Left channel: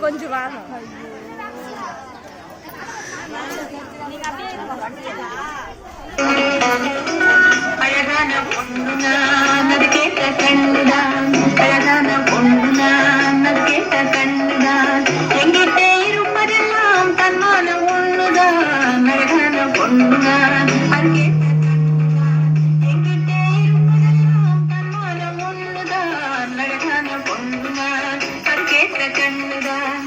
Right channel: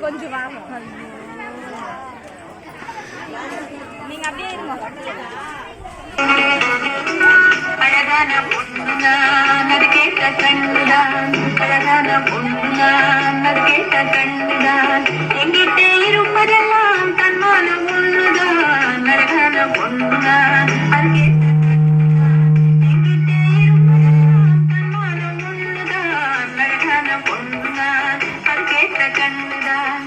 கொஞ்சம் வாங்க நீங்க அப்படியே அழகான பொண்ணுதான் அது கேட்ட கண்ணுதான் அழகான பொண்ணுதான் அது கேட்ட கண்ணுதான் எங்கிட்ட இருப்பதெல்லாம் தன்மான ஒண்ணுதான் அழகான பொண்ணுதான் அது கேட்ட எங்கிட்ட இருப்பதெல்லாம் தன்மான ஒண்ணுதான் அழகான பொண்ணுதான் அது கேட்ட கண்ணுதான்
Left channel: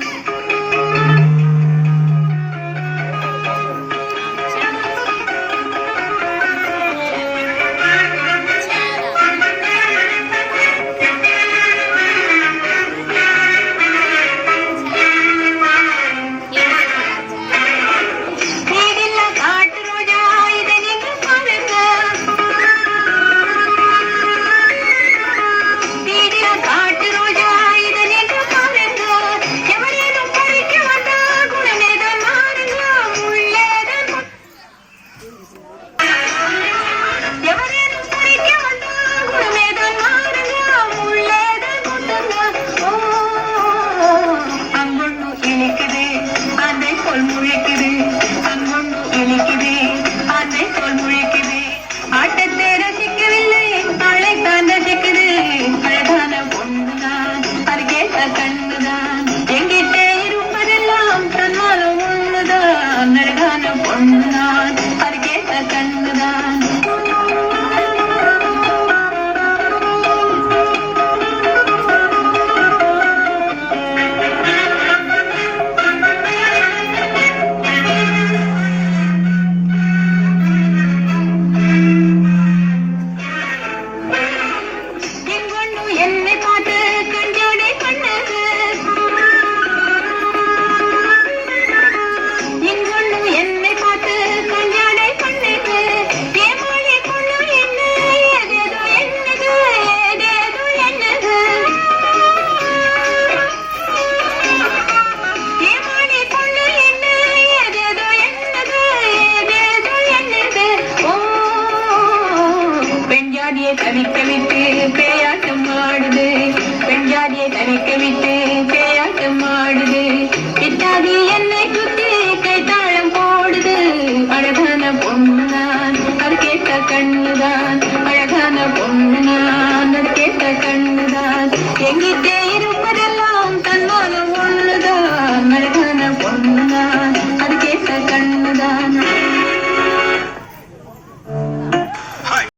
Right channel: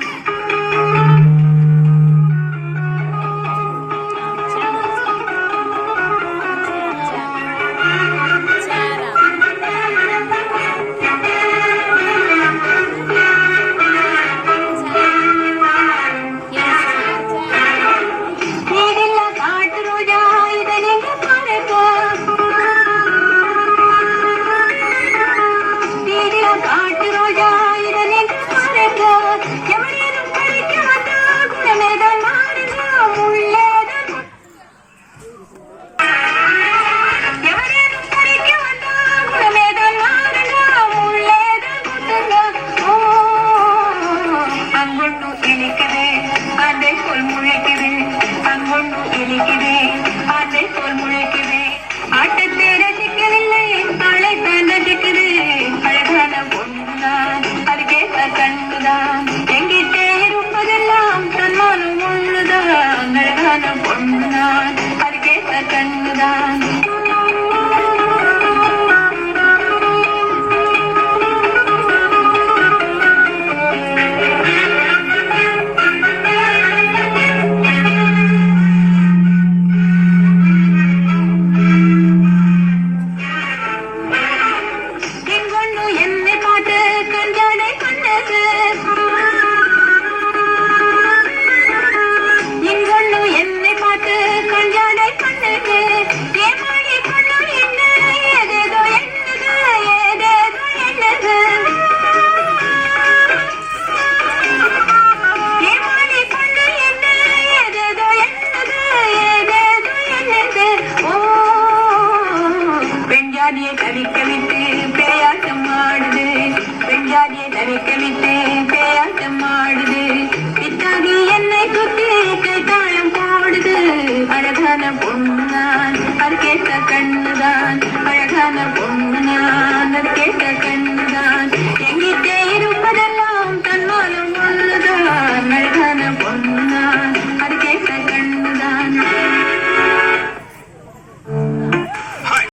கண்ணுதான் எங்கிட்டே இருப்பதெல்லாம் தன்னாலும் ஒண்ணுதான் அழகான பொண்ணுதான் அது கேட்ட கண்ணுதான் தவிக்க விட்டு பேயாட்டம் ஆடுது பெண்ஜாதியை தவிக்க விட்டு பேயாட்டம் ஆடுது இத்தாதி என்னை குத்தி கைத்தாளம் போடுது அழகான பொண்ணுதான் அது கேட்ட கண்ணுதான் அழகான பொண்ணுதான் அது கேட்ட கண்ணுதான் எங்கிட்டே இருக்கும்